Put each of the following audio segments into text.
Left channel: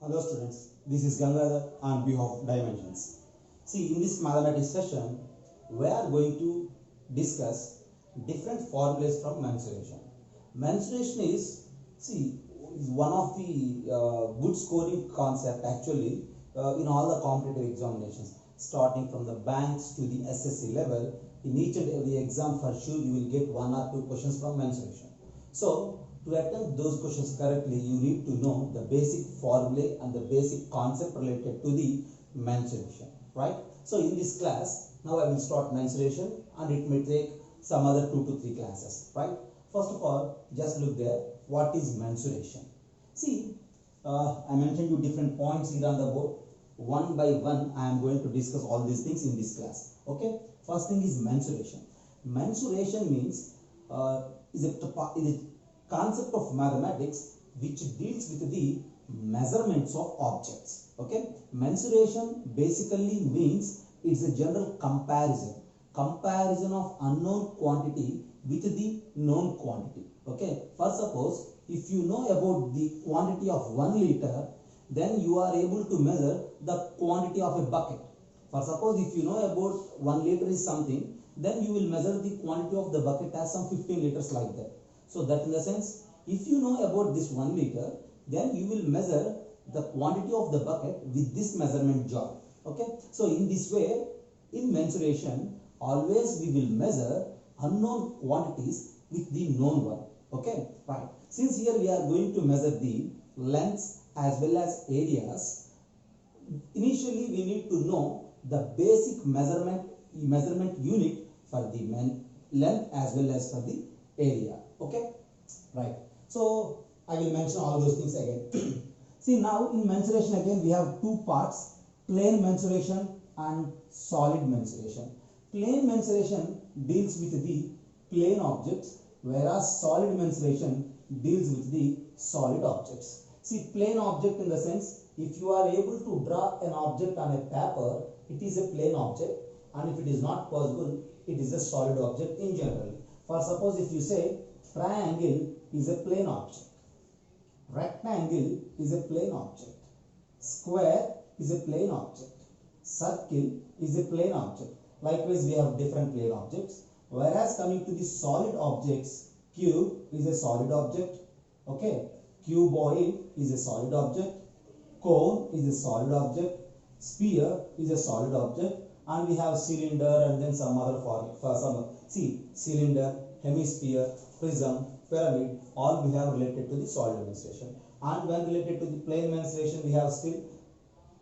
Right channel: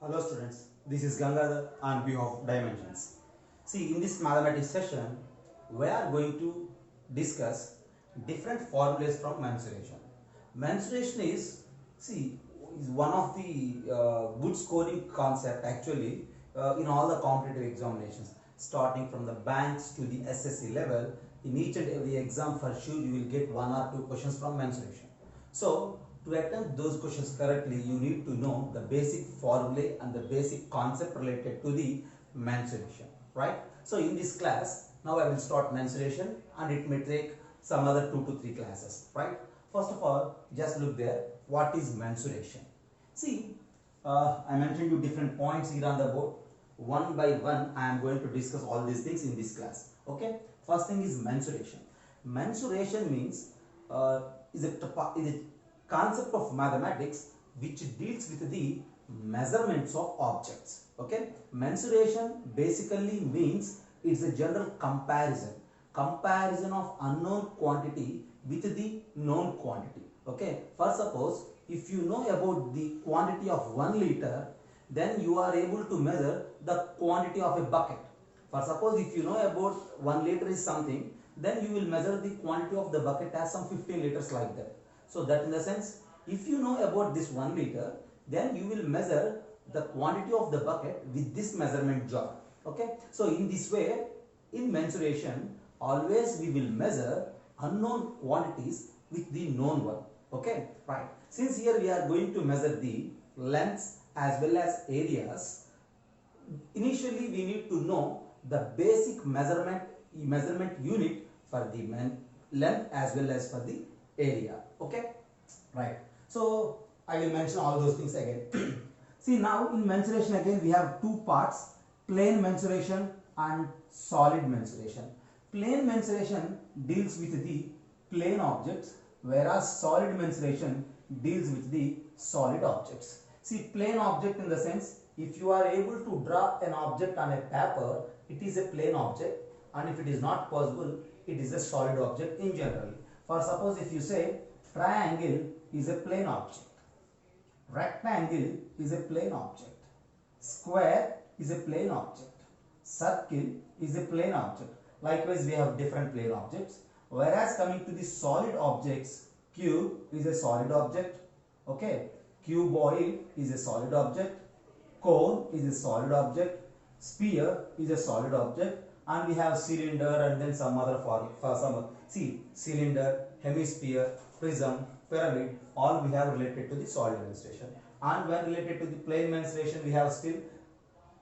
Hello students, this is Gangadhar on behalf of Dimensions. See, in this mathematics session, we are going to discuss different formulas from mensuration. Mensuration is one of the good scoring concept actually in all the competitive examinations, starting from the banks to the SSC level. In each and every exam, for sure, you will get one or two questions from mensuration. So, to attempt those questions correctly, you need to know the basic formulae and the basic concept related to the mensuration, right? So, in this class, now I will start mensuration and it may take some other 2 to 3 classes, right? First of all, just look there. What is mensuration? See, I mentioned you different points here on the board. One by one, I am going to discuss all these things in this class. Okay. First thing is mensuration. Mensuration means is a concept of mathematics which deals with the measurements of objects. Okay. Mensuration basically means it's a general comparison of unknown quantity with the known quantity. Okay. For suppose if you know about the quantity of 1 liter, then you are able to measure the quantity of a bucket. For suppose if you know about 1 liter is something, then you will measure the quantity of the bucket as some 15 liters like that. So that in the sense, if you know about this 1 liter, then you will measure the quantity of the bucket with this measurement jar. Okay. So in this way, in mensuration, always we will measure unknown quantities with the known one. Okay. Right. Since here we are going to measure the lengths as well as areas, initially we need to know the basic measurement unit for the length as well as for the area. Okay, right. So I will mention all those things again. See, now in mensuration again we have two parts: plane mensuration and solid mensuration. Plane mensuration deals with the plane objects, whereas solid mensuration deals with the solid objects. See, plane object in the sense, if you are able to draw an object on a paper, it is a plane object, and if it is not possible, it is a solid object in general. For suppose if you say triangle is a plane object, rectangle is a plane object, square is a plane object, circle is a plane object. Likewise, we have different plane objects. Whereas coming to the solid objects, cube is a solid object. Okay, cuboid is a solid object, cone is a solid object, sphere is a solid object, and we have cylinder and then some other form for some. See, cylinder, hemisphere, prism, pyramid, all we have related to the solid mensuration. And when related to the plane mensuration, we have still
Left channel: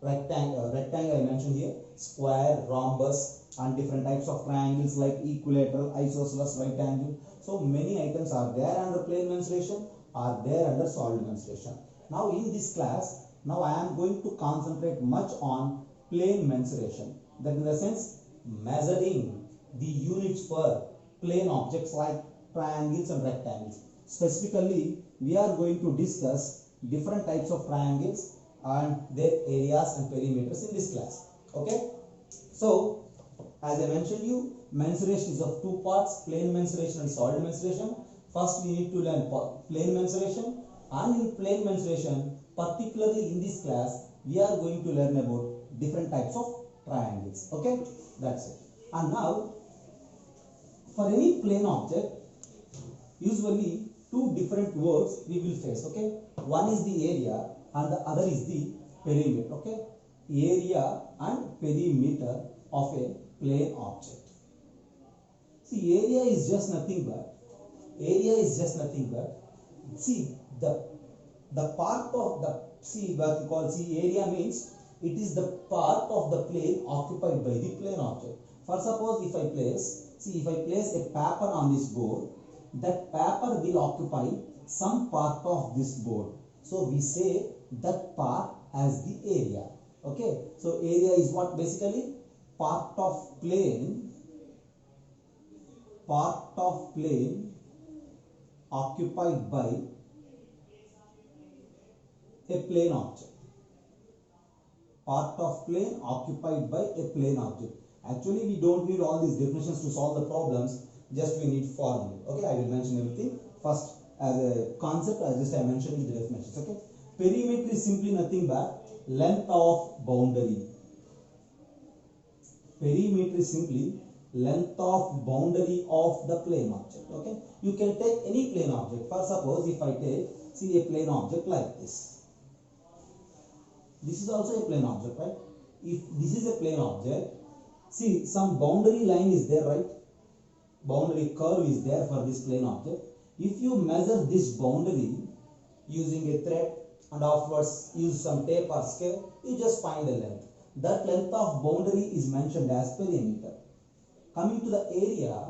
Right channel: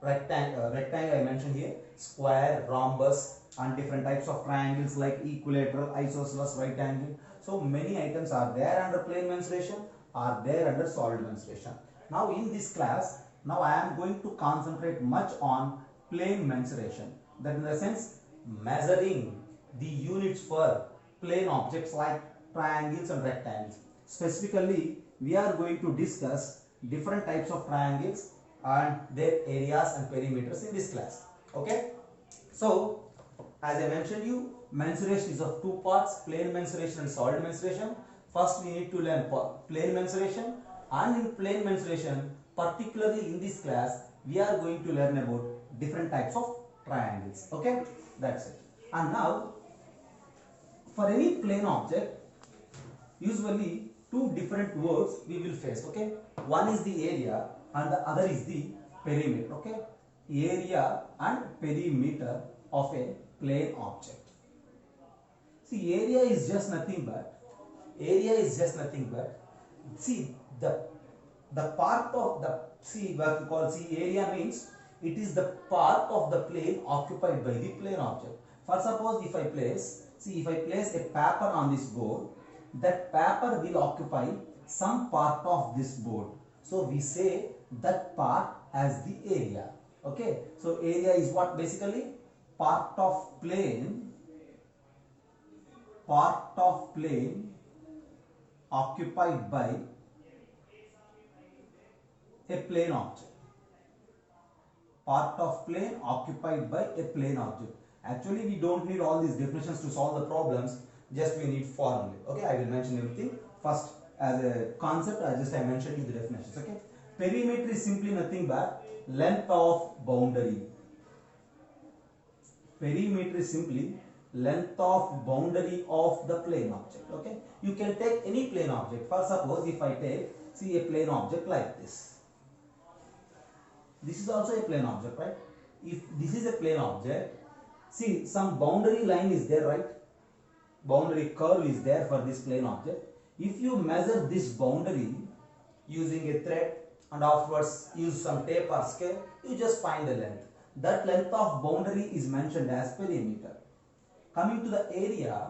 rectangle I mentioned here, square, rhombus, and different types of triangles like equilateral, isosceles, right angle. So many items are there under plane mensuration, are there under solid mensuration. Now in this class, now I am going to concentrate much on plane mensuration. That in the sense, measuring the units for plane objects like triangles and rectangles. Specifically, we are going to discuss different types of triangles and their areas and perimeters in this class. Okay. So, as I mentioned you, mensuration is of two parts: plane mensuration and solid mensuration. First, we need to learn plane mensuration, and in plane mensuration, particularly in this class, we are going to learn about different types of triangles. Okay, that's it. And now, for any plane object, usually two different words we will face. Okay, one is the area and the other is the perimeter. Okay, area and perimeter of a plane object. See, area is just nothing but see the part of the, see what we call, see, area means it is the part of the plane occupied by the plane object. For suppose if I place a paper on this board, that paper will occupy some part of this board. So we say that part as the area. Okay, so area is what? Basically part of plane occupied by a plane object. Part of plane occupied by a plane object. Actually, we don't need all these definitions to solve the problems. Just we need formulae. Okay, I will mention everything. First, as a concept, I mentioned the definitions. Okay. Perimeter is simply nothing but length of boundary. Perimeter is simply length of boundary of the plane object. Okay, you can take any plane object. For suppose if I take, see, a plane object like this. This is also a plane object, right? If this is a plane object, see, some boundary line is there, right? Boundary curve is there for this plane object. If you measure this boundary using a thread and afterwards use some tape or scale, you just find the length. That length of boundary is mentioned as perimeter. Coming to the area,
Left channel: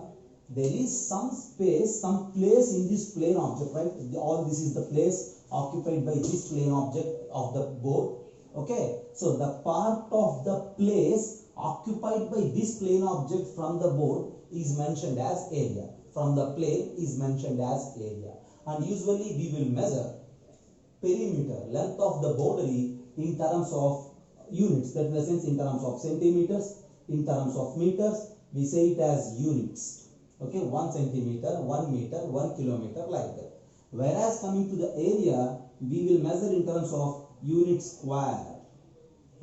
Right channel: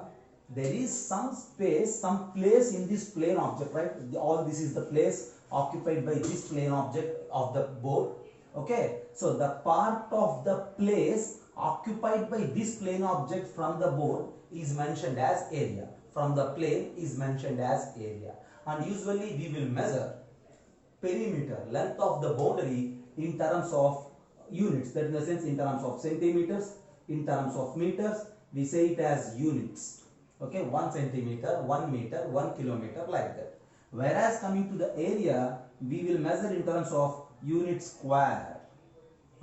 there is some space, some place in this plane object, right? All this is the place occupied by this plane object of the board. Okay, so the part of the place occupied by this plane object from the board is mentioned as area. From the plane is mentioned as area. And usually we will measure perimeter, length of the boundary, in terms of units, that in the sense in terms of centimeters, in terms of meters, we say it as units. Okay, 1 centimeter, 1 meter, 1 kilometer, like that. Whereas coming to the area, we will measure in terms of unit square.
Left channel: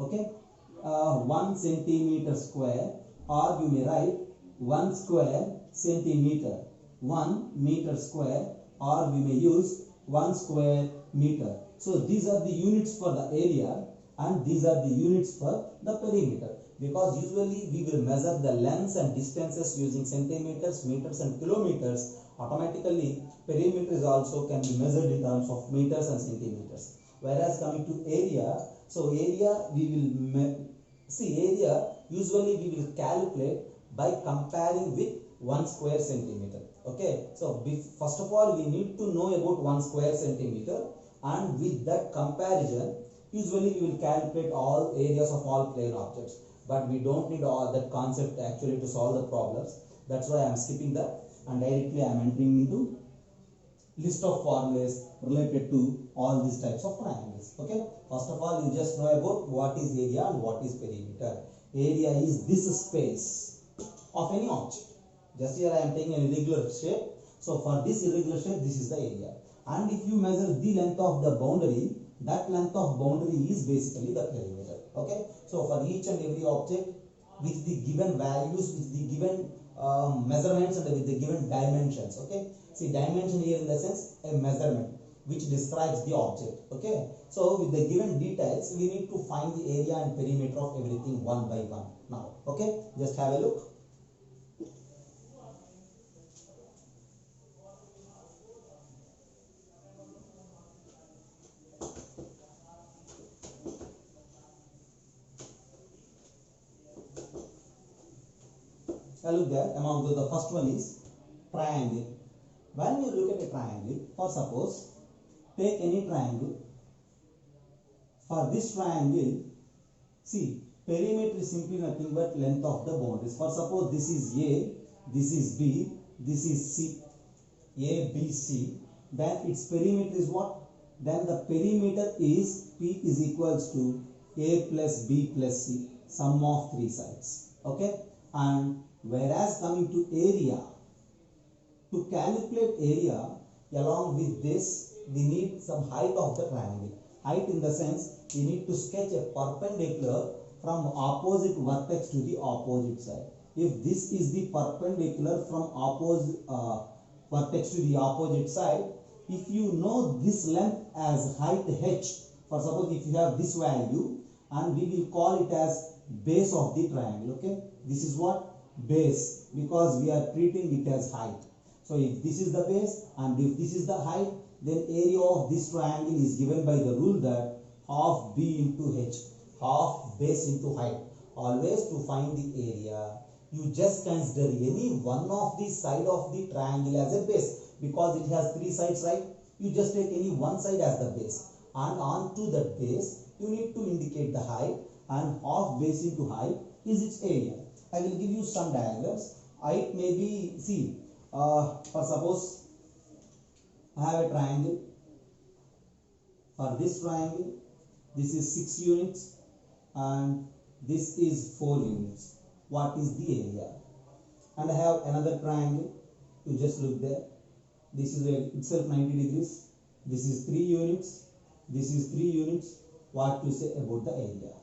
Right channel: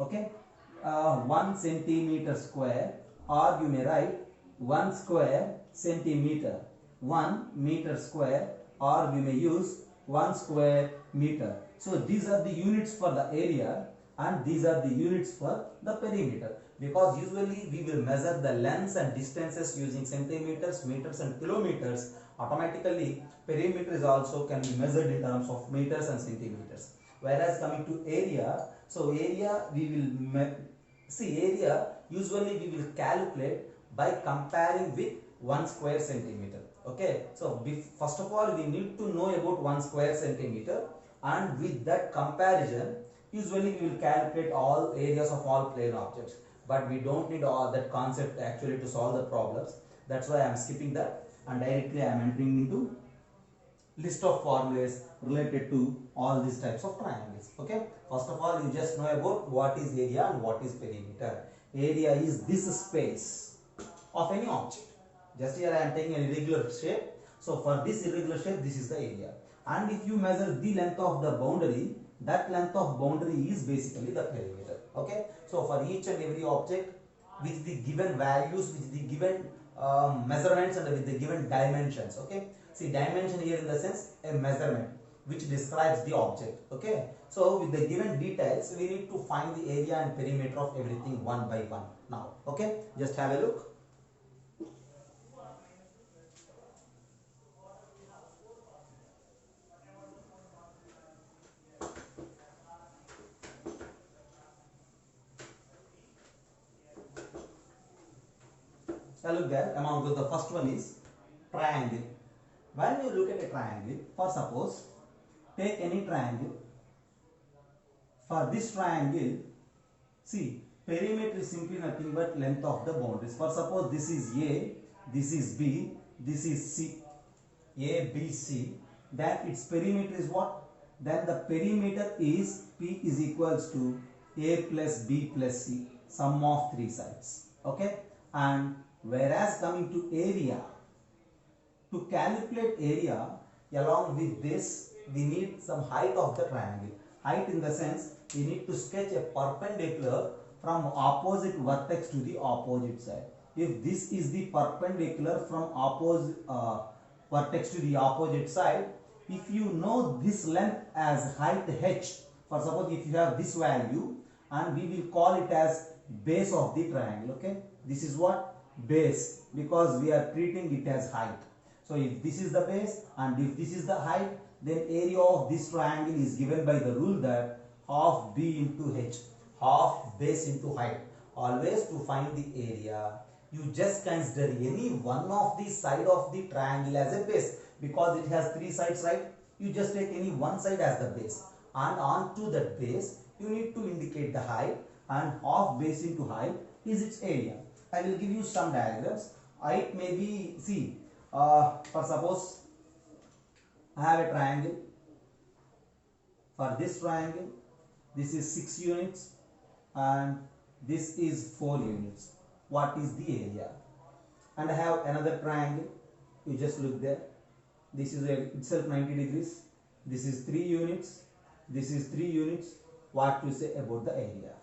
Okay, 1 centimeter square, or you may write 1 square centimeter, 1 meter square, or we may use 1 square meter. So these are the units for the area and these are the units for the perimeter, because usually we will measure the lengths and distances using centimeters, meters and kilometers. Automatically perimeter is also can be measured in terms of meters and centimeters. Whereas coming to area, so area we will see, area usually we will calculate by comparing with 1 square centimeter. Okay, so first of all we need to know about 1 square centimeter, and with that comparison usually we will calculate all areas of all plane objects. But we don't need all that concept actually to solve the problems. That's why I am skipping that and directly I am entering into list of formulas related to all these types of triangles. Okay, first of all you just know about what is area and what is perimeter. Area is this space of any object. Just here I am taking an irregular shape. So for this irregular shape, this is the area. And if you measure the length of the boundary, that length of boundary is basically the perimeter. Okay, so for each and every object with the given values, with the given measurements and with the given dimensions. Okay, see, dimension here in the sense a measurement which describes the object. Okay, so with the given details we need to find the area and perimeter of everything one by one now. Okay, just have a look. Now look there, among those, the first one is triangle. When you look at a triangle, for suppose, take any triangle. For this triangle, see, perimeter is simply nothing but length of the boundaries. For suppose this is A, this is B, this is C, A, B, C, then its perimeter is what? Then the perimeter is P is equals to A plus B plus C, sum of three sides. Okay, and whereas coming to area, to calculate area, along with this we need some height of the triangle. Height in the sense we need to sketch a perpendicular from opposite vertex to the opposite side. If this is the perpendicular from opposite vertex to the opposite side, if you know this length as height h, for suppose if you have this value, and we will call it as base of the triangle. Okay, this is what? Base, because we are treating it as height. So if this is the base and if this is the height, then area of this triangle is given by the rule that half b into h, half base into height. Always to find the area, you just consider any one of the side of the triangle as a base, because it has three sides, right? You just take any one side as the base, and onto that base you need to indicate the height, and half base into height is its area. I will give you some diagrams. Height may be, see, for suppose I have a triangle. For this triangle, this is 6 units and this is 4 units. What is the area? And I have another triangle. You just look there. This is itself 90 degrees. This is 3 units This is 3 units. What to say about the area?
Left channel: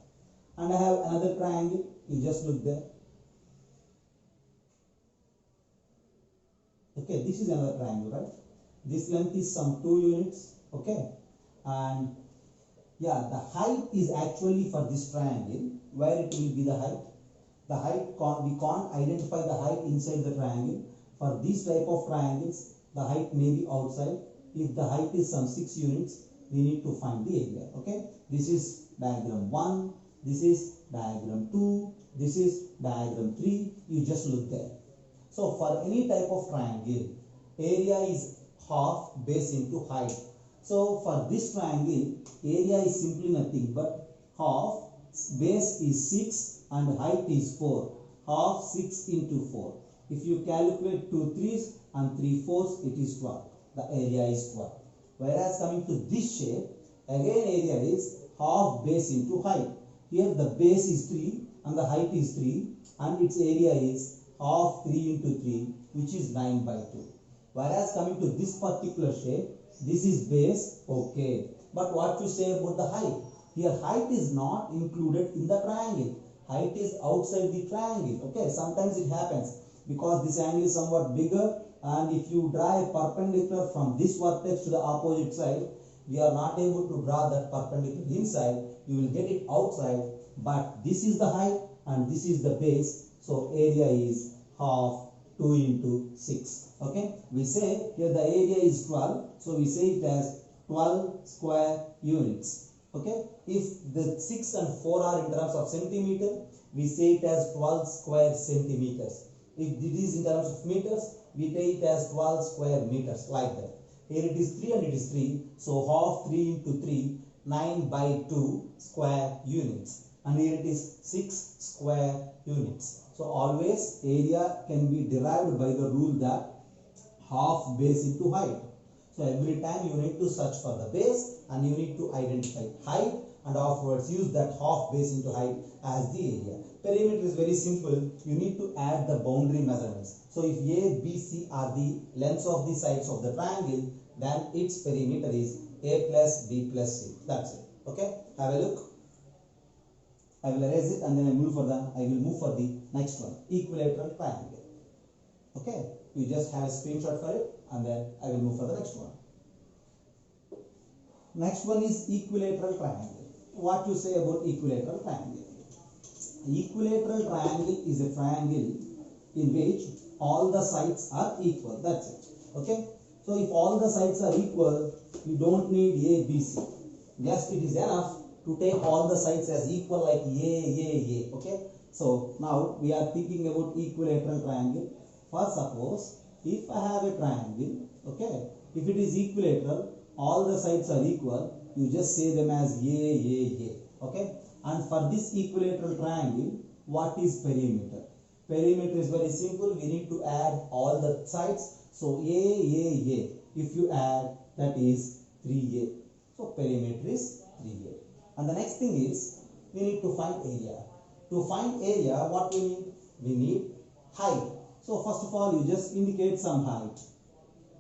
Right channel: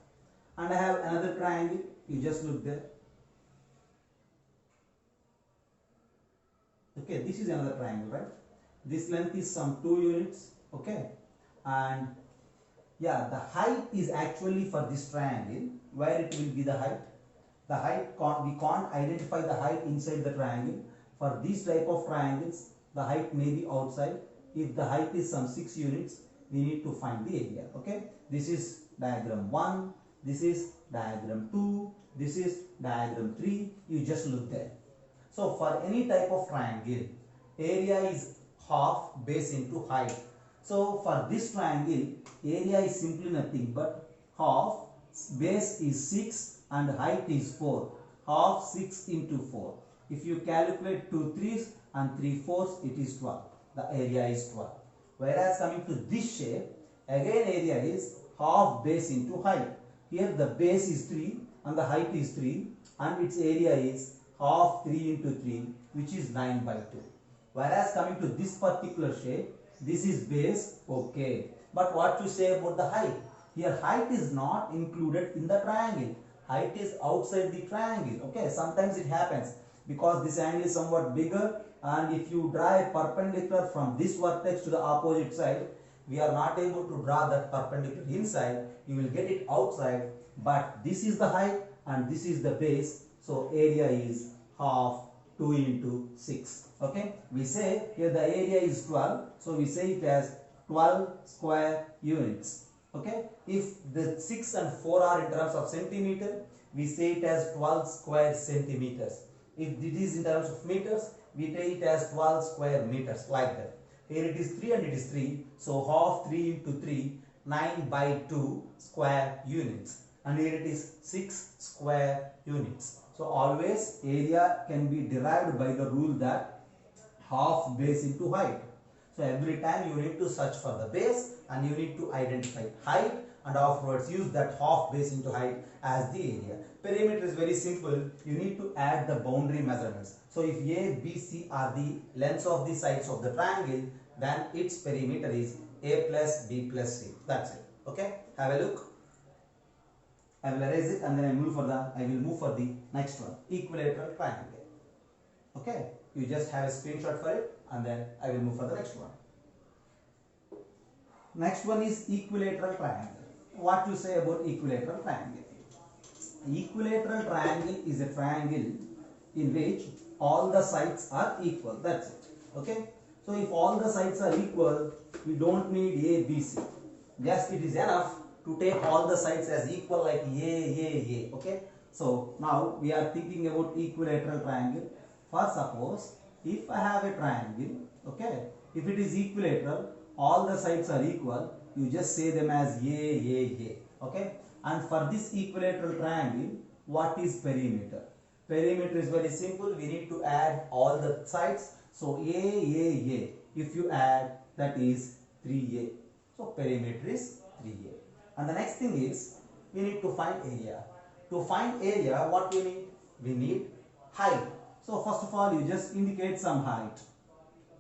And I have another triangle. You just look there. Okay, this is another triangle, right? This length is some 2 units. Okay, and yeah, the height is actually for this triangle. Where it will be the height? The height we can't identify the height inside the triangle. For these type of triangles, the height may be outside. If the height is some 6 units, we need to find the area. Okay, this is diagram 1, this is diagram 2, this is diagram 3. You just look there. So for any type of triangle, area is half base into height. So for this triangle, area is simply nothing but half, base is 6 and height is 4. Half 6 into 4. If you calculate 2 3s and 3 4s, it is 12. The area is 12. Whereas coming to this shape, again area is half base into height. Here the base is 3 and the height is 3 and its area is half 3 into 3, which is 9 by 2. Whereas coming to this particular shape, this is base, okay. But what to say about the height? Here height is not included in the triangle. Height is outside the triangle. Okay, sometimes it happens because this angle is somewhat bigger, and if you draw a perpendicular from this vertex to the opposite side, we are not able to draw that perpendicular inside. You will get it outside, but this is the height and this is the base. So area is half 2 into 6. Okay, we say here the area is 12, so we say it as 12 square units. Okay, if the 6 and 4 are in terms of centimeter, we say it as 12 square centimeters. If it is in terms of meters, we take it as 12 square meters, like that. Here it is 3 and it is 3, so half 3 into 3, 9 by 2 square units. And here it is 6 square units. So always area can be derived by the rule that half base into height. So every time you need to search for the base and you need to identify height, and afterwards use that half base into height as the area. Perimeter is very simple. You need to add the boundary measurements. So if A, B, C are the lengths of the sides of the triangle, then its perimeter is A plus B plus C. That's it. Okay, have a look. I will erase it and then I will move for the next one. Equilateral triangle. Okay, you just have a screenshot for it and then I will move for the next one. Next one is equilateral triangle. What you say about equilateral triangle? Equilateral triangle is a triangle in which all the sides are equal. That's it. Okay, so if all the sides are equal, we don't need A, B, C. Just it is enough to take all the sides as equal, like A. Okay, so now we are thinking about equilateral triangle. First, suppose if I have a triangle, okay, if it is equilateral, all the sides are equal, you just say them as A. Okay, and for this equilateral triangle, what is perimeter? Perimeter is very simple. We need to add all the sides. So A. If you add, that is 3A. So perimeter is 3A. And the next thing is, we need to find area. To find area, what we need? We need height. So first of all, you just indicate some height.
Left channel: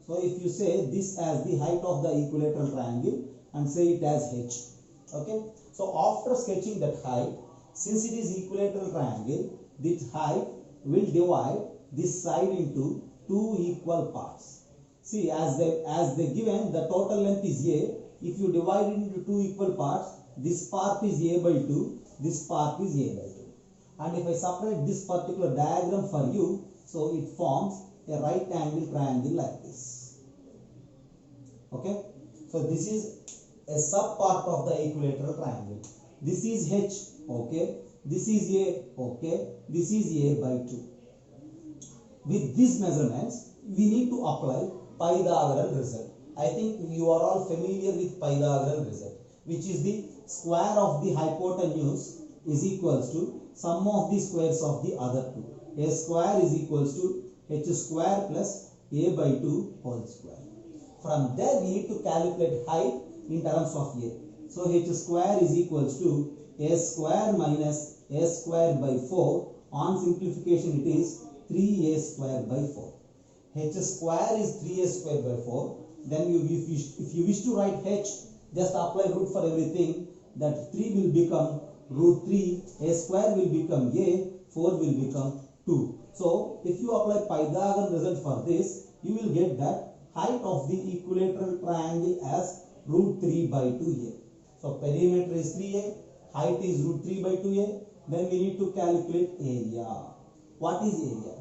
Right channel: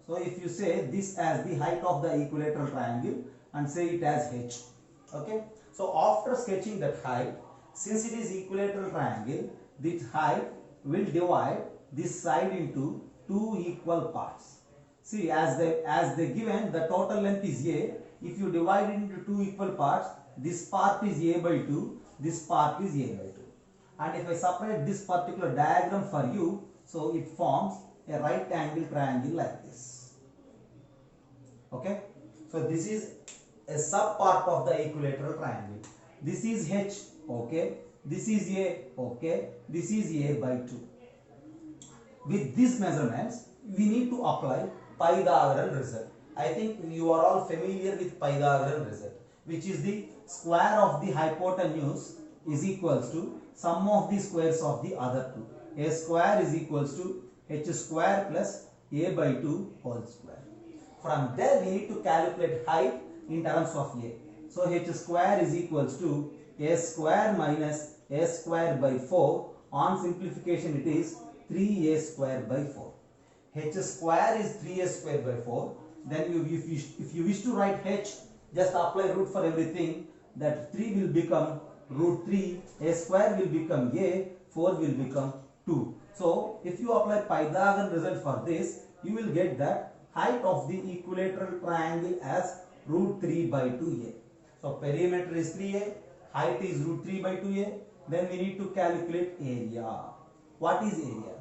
So if you say this as the height of the equilateral triangle and say it as h. Okay. So after sketching that height, since it is equilateral triangle, this height will divide this side into 2 equal parts. See, as they given, the total length is A. If you divide it into 2 equal parts, this part is A by 2, this part is A by 2. And if I separate this particular diagram for you, so it forms a right angle triangle like this. Okay, so this is a sub part of the equilateral triangle. This is H, okay, this is A, okay, this is A by 2. With these measurements, we need to apply Pythagorean result. I think you are all familiar with Pythagorean result, which is the square of the hypotenuse is equals to sum of the squares of the other two. A square is equals to h square plus A by 2 whole square. From there, we need to calculate height in terms of A. So h square is equals to A square minus A square by 4. On simplification, it is 3A square by 4. H square is 3A square by 4. Then if you wish to write h, just apply root for everything. That 3 will become root 3, a square will become a, 4 will become 2. So if you apply Pythagorean result for this, you will get that height of the equilateral triangle as root 3 by 2a. So perimeter is 3a, height is root 3 by 2a. Then we need to calculate area. What is area?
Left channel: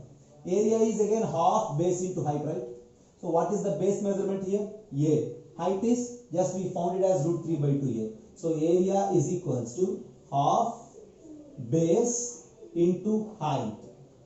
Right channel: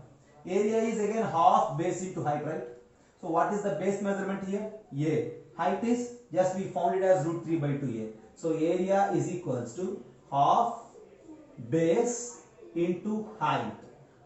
Area is again half base into height, right? So what is the base measurement here? A. Height is, just we found it as root 3 by 2a. So area is equals to half base into height,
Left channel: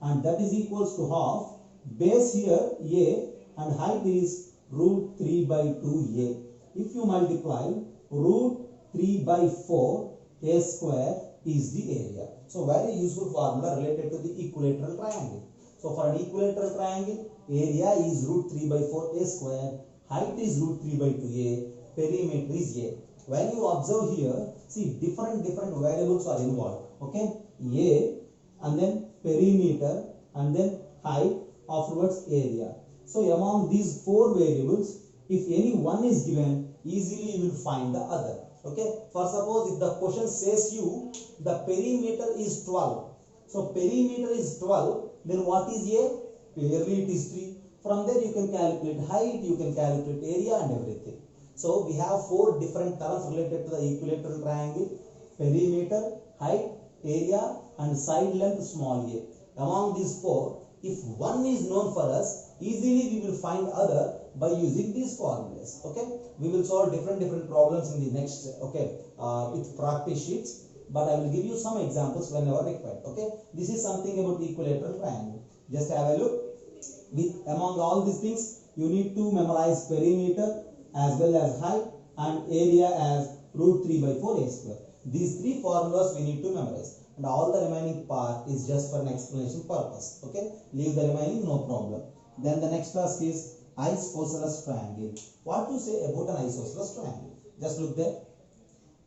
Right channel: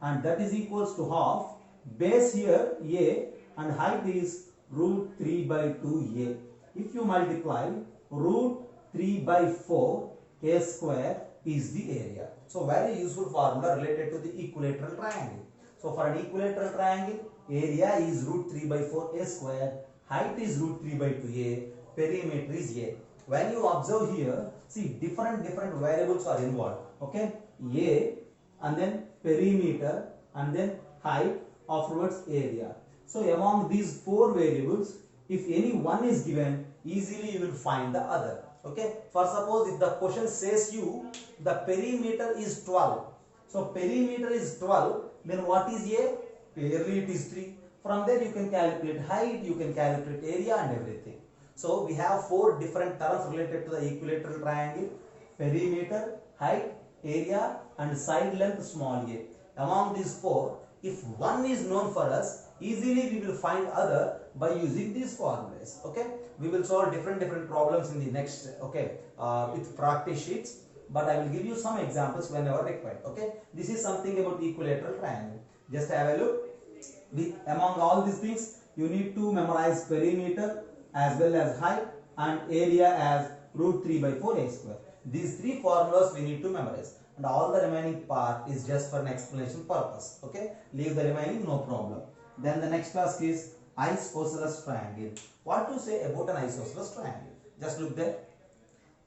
and that is equals to half base here a and height is root 3 by 2a. If you multiply root 3 by 4, a square is the area. So very useful formula related to the equilateral triangle. So for an equilateral triangle, area is root 3 by 4 a square, height is root 3 by 2a, perimeter is a. When you observe here, see different variables are involved. Okay, a and then perimeter and then height, afterwards area. So among these 4 variables, if any one is given, easily you will find the other. Okay, for suppose if the question says you the perimeter is 12, so perimeter is 12, then what is a? Clearly it is 3. From there you can calculate height, you can calculate area and everything. So we have 4 different terms related to the equilateral triangle: perimeter, height, area and side length small a. Among these 4, if one is known for us, easily we will find other by using these formulas. Okay, we will solve different problems in the next, okay, with practice sheets, but I will give you some examples whenever required. Okay, this is something about equilateral triangle. Just have a look. Among all these things, you need to memorize perimeter as well as height and area as root 3 by 4 a square. These 3 formulas we need to memorize, and all the remaining part is just for an explanation purpose. Okay, leave the remaining, no problem. Then the next task is isosceles triangle. What to say about an isosceles triangle? Just look there.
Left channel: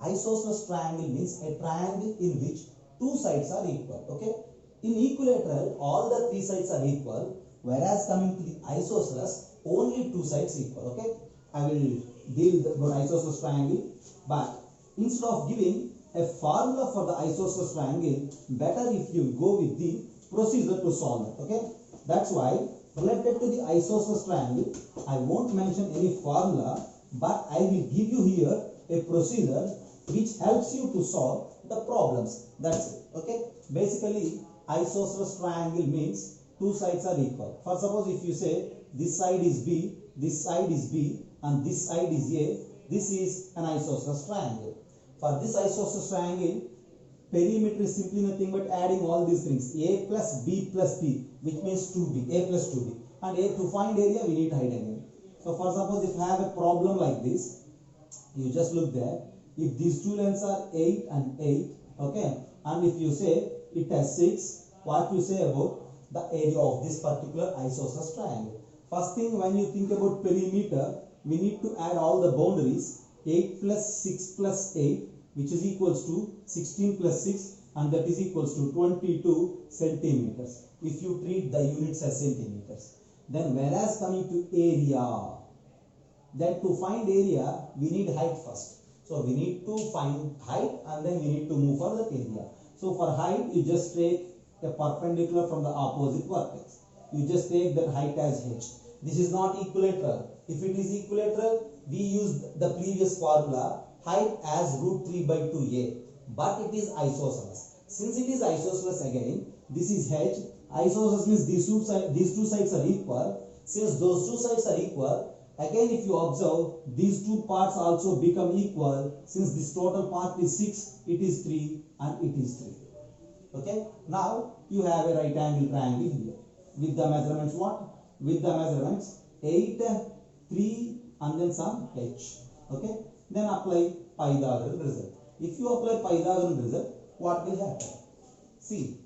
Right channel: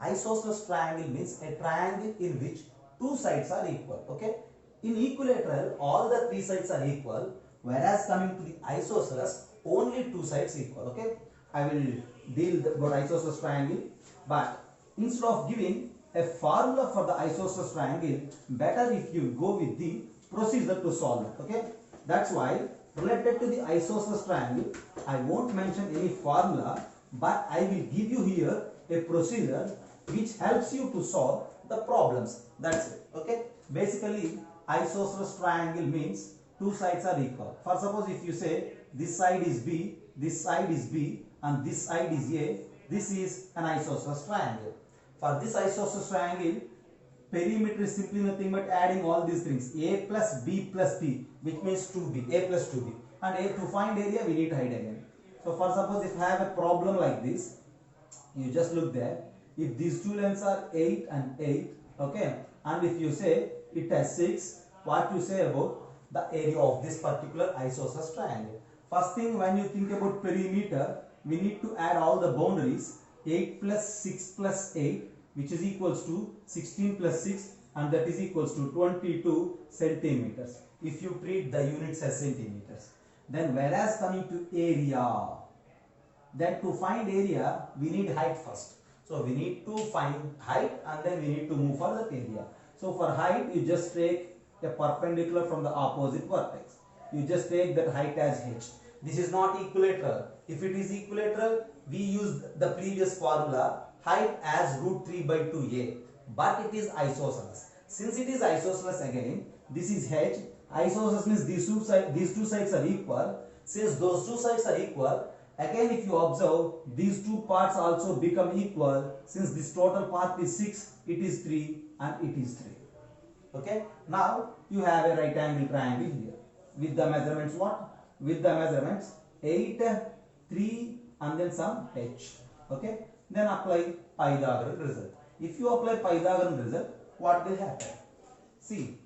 Isosceles triangle means a triangle in which 2 sides are equal. Okay, in equilateral all the 3 sides are equal, whereas coming to the isosceles only 2 sides equal. Okay, I will deal about isosceles triangle, but instead of giving a formula for the isosceles triangle, better if you go with the procedure to solve it. Okay, that's why related to the isosceles triangle, I won't mention any formula, but I will give you here a procedure which helps you to solve the problems. That's it. Okay, basically isosceles triangle means 2 sides are equal. For suppose if you say this side is B, this side is B and this side is A, this is an isosceles triangle. For this isosceles triangle, perimeter is simply nothing but adding all these things: a plus b plus b, which means 2b, a plus 2b, and to find area we need height again. So for suppose if I have a problem like this, you just look there. If these 2 lengths are 8 and 8, okay, and if you say it has 6, what you say about the area of this particular isosceles triangle? First thing, when you think about perimeter, we need to add all the boundaries. 8 plus 6 plus 8, which is equals to 16 plus 6, and that is equals to 22 centimeters if you treat the units as centimeters. Then whereas coming to area, then to find area we need height first. So we need to find height and then we need to move for the area. So for height, you just take a perpendicular from the opposite vertex. You just take that height as h. This is not equilateral. If it is equilateral, we use the previous formula, height as root 3 by 2a, but it is isosceles. Since it is isosceles, again this is h. Isosceles means these two sides are equal. Since those 2 sides are equal, again if you observe, these 2 parts also become equal. Since this total part is 6, it is 3 and it is 3. Okay, now you have a right angle triangle here with the measurements what? With the measurements 8, 3 and then some h. Okay, then apply Pythagorean result. If you apply Pythagorean result, what will happen? See,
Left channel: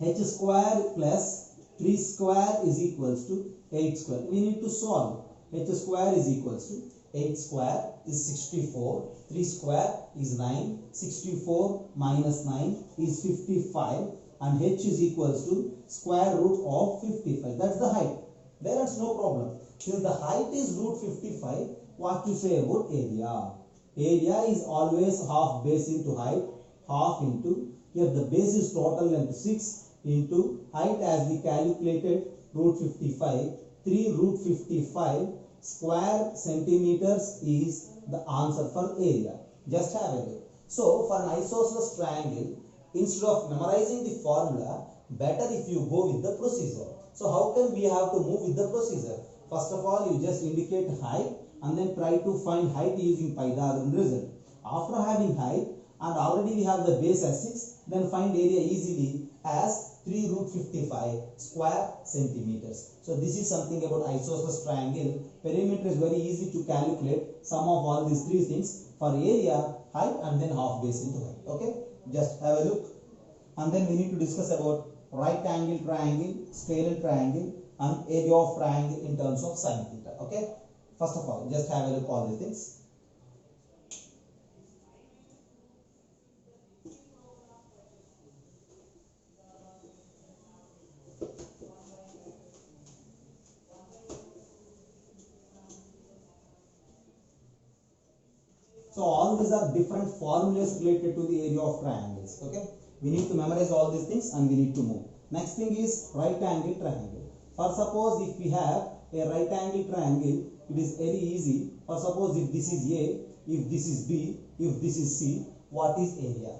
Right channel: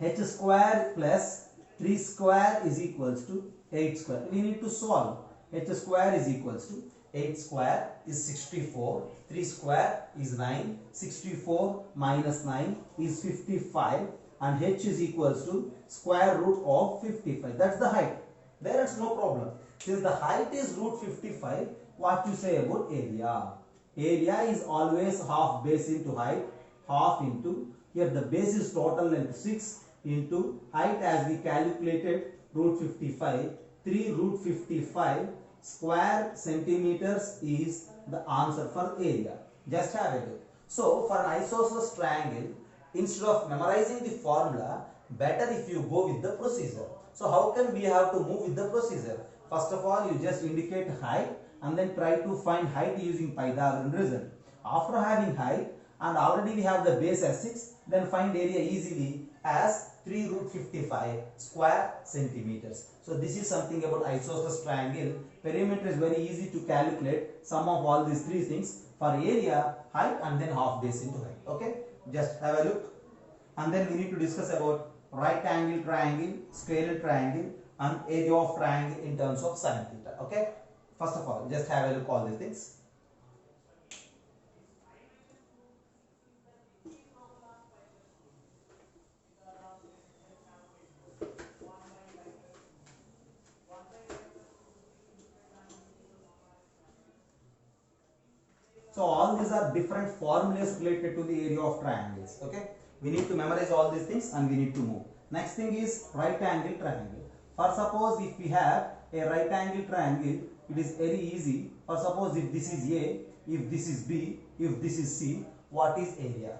h square plus 3 square is equals to 8 square. We need to solve. H square is equals to 8 square is 64, 3 square is 9, 64 minus 9 is 55, and h is equals to square root of 55. That's the height. There is no problem. Since the height is root 55, what you say about area? area is always half base into height, half into, here the base is total length 6 into height as we calculated root 55, 3 root 55 square centimeters is the answer for area. Just have a look. So for an isosceles triangle, instead of memorizing the formula, better if you go with the procedure. So how can we have to move with the procedure? First of all, you just indicate height and then try to find height using Pythagorean result. After having height and already we have the base as 6, then find area easily as 3 root 55 square centimeters. So this is something about isosceles triangle. Perimeter is very easy to calculate, sum of all these three things for area, height and then half base into height. Okay, just have a look. And then we need to discuss about right angle triangle, scalar triangle and area of triangle in terms of sin theta. Okay, first of all, just have a look all these things. So all these are different formulas related to the area of triangles. Okay, we need to memorize all these things and we need to move. Next thing is right angle triangle. For suppose if we have a right angle triangle, it is very easy. For suppose if this is A, if this is B, if this is C, what is area?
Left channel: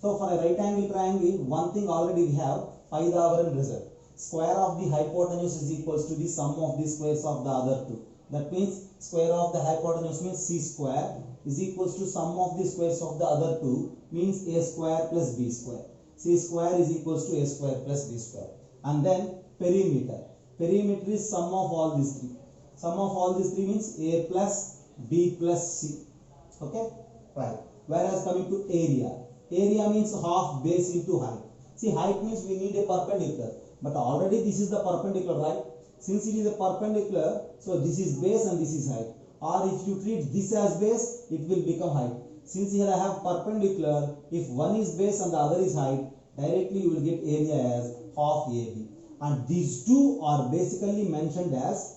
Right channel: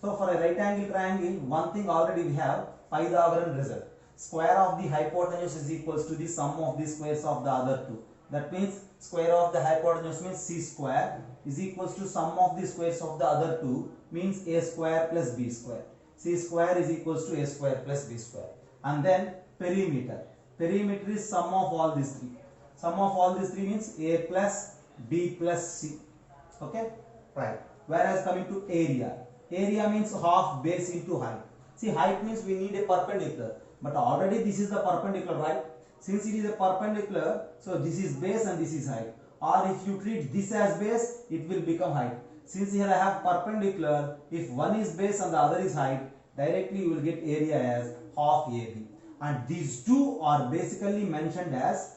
So for a right angle triangle, one thing already we have Pythagorean result. Square of the hypotenuse is equals to the sum of the squares of the other two. That means square of the hypotenuse means C square is equals to sum of the squares of the other two means A square plus B square. C square is equals to A square plus B square. And then perimeter. Perimeter is sum of all these three. Sum of all these three means A plus B plus C. Okay, right. Whereas coming to area. Area means half base into height. See, height means we need a perpendicular. But already this is the perpendicular, right? Since it is a perpendicular, so this is base and this is height. Or if you treat this as base, it will become height. Since here I have perpendicular, if one is base and the other is height, directly you will get area as half AB. And these two are basically mentioned as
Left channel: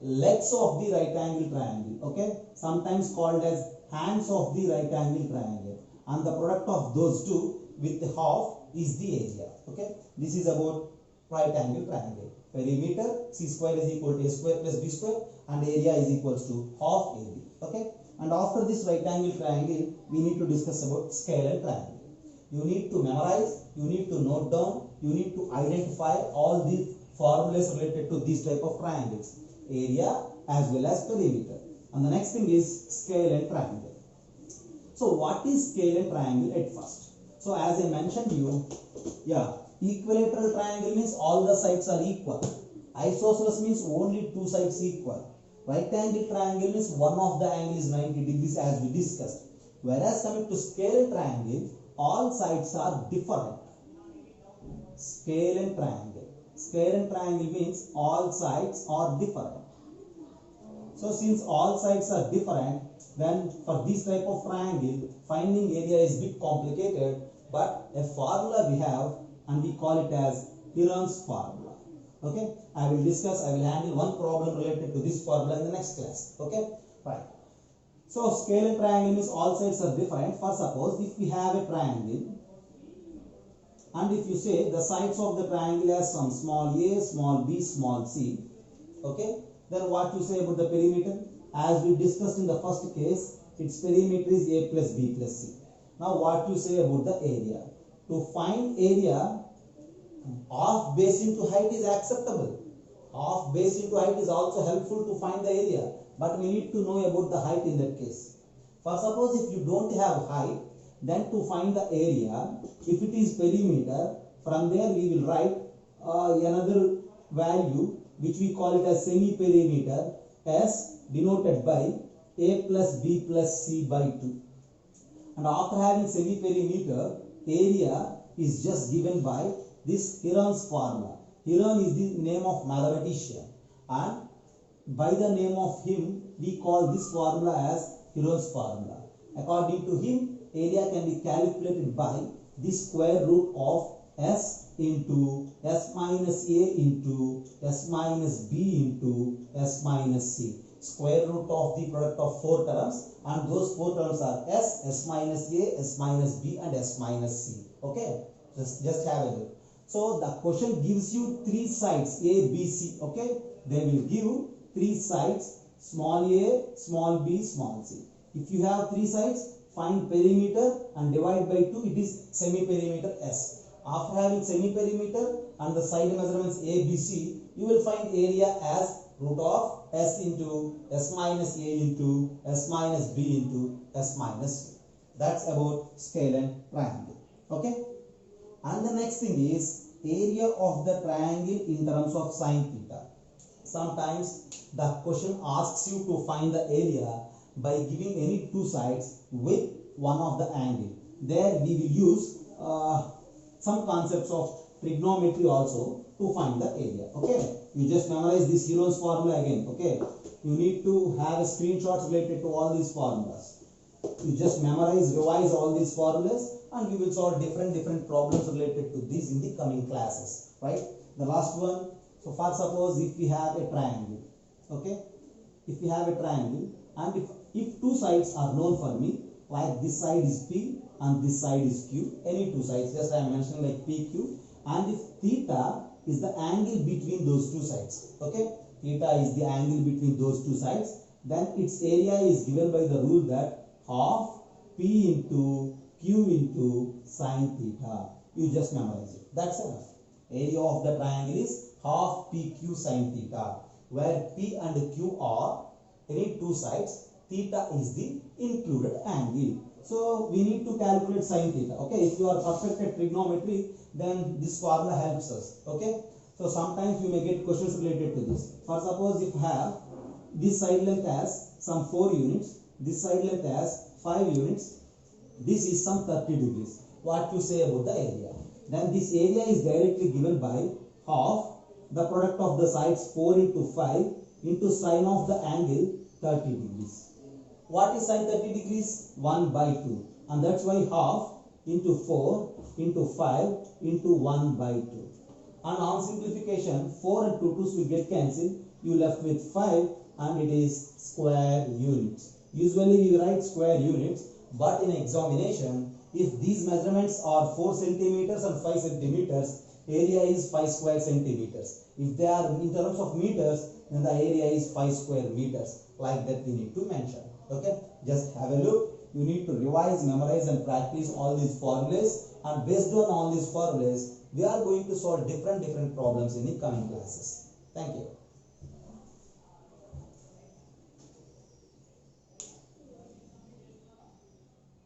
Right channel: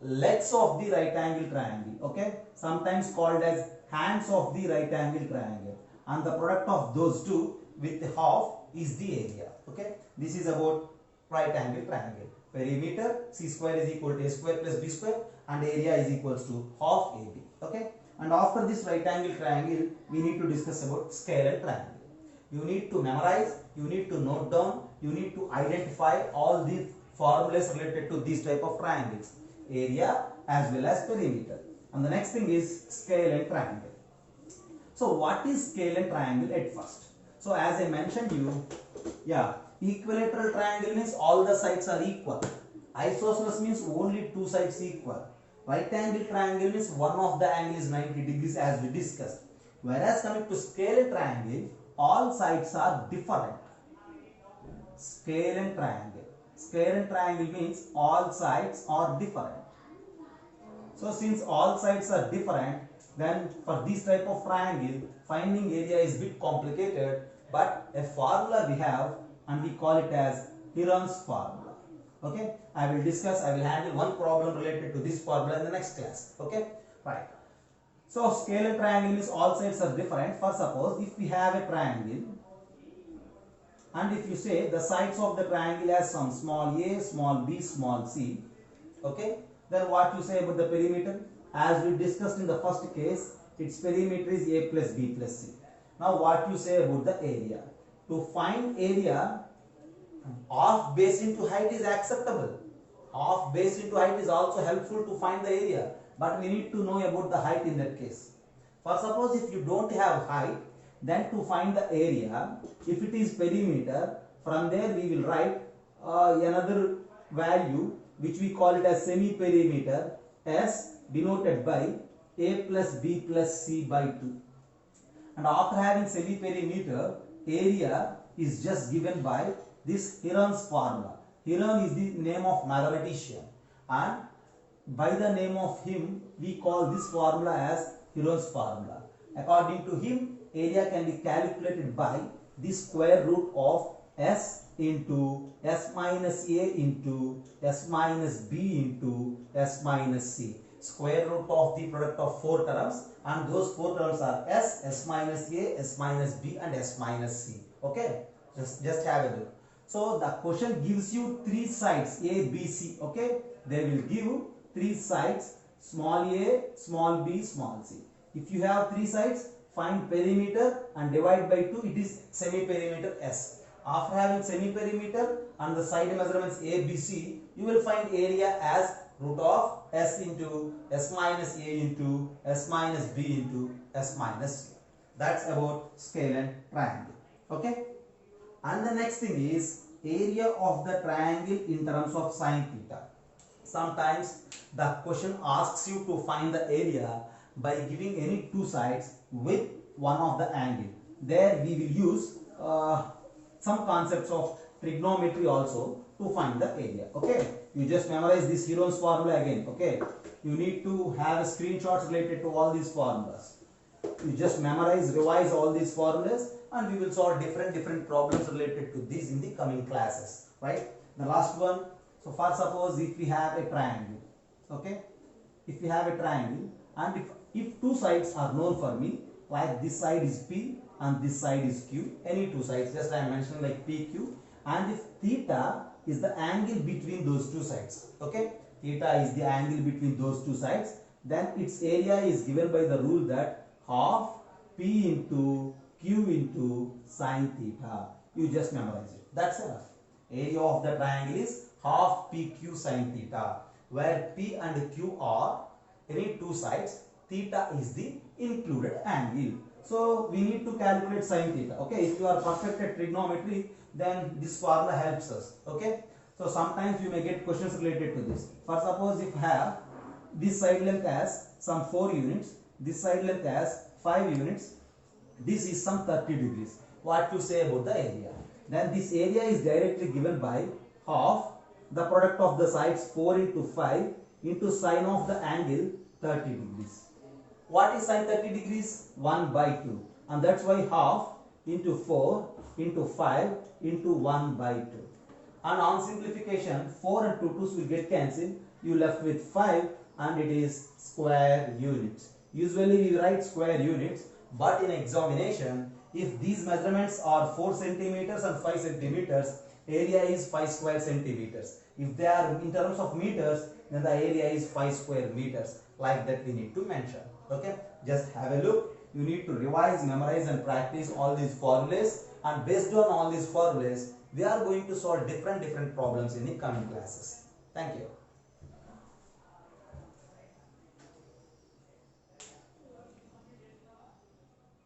legs of the right angle triangle. Okay, sometimes called as hands of the right angle triangle. And the product of those two with the half is the area. Okay, this is about right angle triangle. Perimeter C square is equal to A square plus B square and area is equals to half AB. Okay, and after this right angle triangle, we need to discuss about scalar triangle. You need to memorize, you need to note down, you need to identify all the formulas related to these type of triangles, area as well as perimeter. And the next thing is scalar triangle. So what is scalar triangle at first? So as I mentioned you, equilateral triangle means all the sides are equal. Isosceles means only two sides equal. Right angle triangle means one of the angle is 90 degrees as we discussed. Whereas coming to scalar triangle, all sides are different. Scalar triangle. Scalar triangle means all sides are different. So since all sides are different, then for this type of triangle, finding area is a bit complicated, but a formula we have and we call it as Heron's formula. Okay, I will handle one problem related to this formula in the next class. Okay, right. So scalar triangle means all sides are different. For suppose if we have a triangle and if you say the sides of the triangle has some small a, small b, small c, okay, then what you say about the perimeter? As we discussed in the first case, its perimeter is a plus b plus c. Now what you say about the area? To find area, half base into height is acceptable. Half base into height is also helpful to find the area, but we need to know about the height in that case. For suppose if you don't have height, then to find the area, if it is perimeter, from there we will write another value which we call it as semi-perimeter, as denoted by a plus b plus c by 2. And after having semi-perimeter, area is just given by this Heron's formula. Heron is the name of mathematician, and by the name of him we call this formula as Heron's formula. According to him, area can be calculated by the square root of s into s minus a into s minus b into s minus c. square root of the product of 4 terms, and those 4 terms are s minus a, s minus b and s minus c. Okay, just have a look. So the question gives you 3 sides a, b, c. Okay, they will give 3 sides, small a, small b, small c. If you have 3 sides, find perimeter and divide by 2, it is semi-perimeter S. After having semi-perimeter and the side measurements A, B, C, you will find area as root of S into S minus A into S minus B into S minus C. That's about scale and triangle. Okay. And the next thing is area of the triangle in terms of sine theta. Sometimes the question asks you to find the area by giving any 2 sides with one of the angle. There we will use some concepts of trigonometry also to find the area. Okay, you just memorize this Heron's formula again. Okay, you need to have a screenshots related to all these formulas. You just memorize, revise all these formulas, and we will solve different problems related to these in the coming classes. Right, the last one. So for suppose if we have a triangle. Okay, if we have a triangle, and if 2 sides are known for me, like this side is P and this side is Q, any 2 sides, just I am mentioning like PQ, and if theta is the angle between those 2 sides, okay, theta is the angle between those 2 sides, then its area is given by the rule that half P into Q into sine theta. You just memorize it. That's enough. Area of the triangle is half PQ sine theta, where P and Q are any 2 sides, theta is the included angle. So we need to calculate sine theta. Okay, if you are perfect at trigonometry, then this formula helps us. Okay, so sometimes you may get questions related to this. For suppose if you have this side length as some 4 units, this side length as 5 units, this is some 30 degrees. What to say about the area? Then this area is directly given by half the product of the sides 4 into 5 into sine of the angle 30 degrees. What is sine 30 degrees? 1 by 2. And that's why half into 4 into 5 into 1 by 2. And on simplification, 4 and 2 2's will get cancelled. You left with 5 and it is square units. Usually we write square units, but in examination, if these measurements are 4 centimeters and 5 centimeters, area is 5 square centimeters. If they are in terms of meters, then the area is 5 square meters. Like that we need to mention. Okay, just have a look. You need to revise, memorize and practice all these formulas, and based on all these formulas, we are going to solve different problems in the coming classes. Thank you.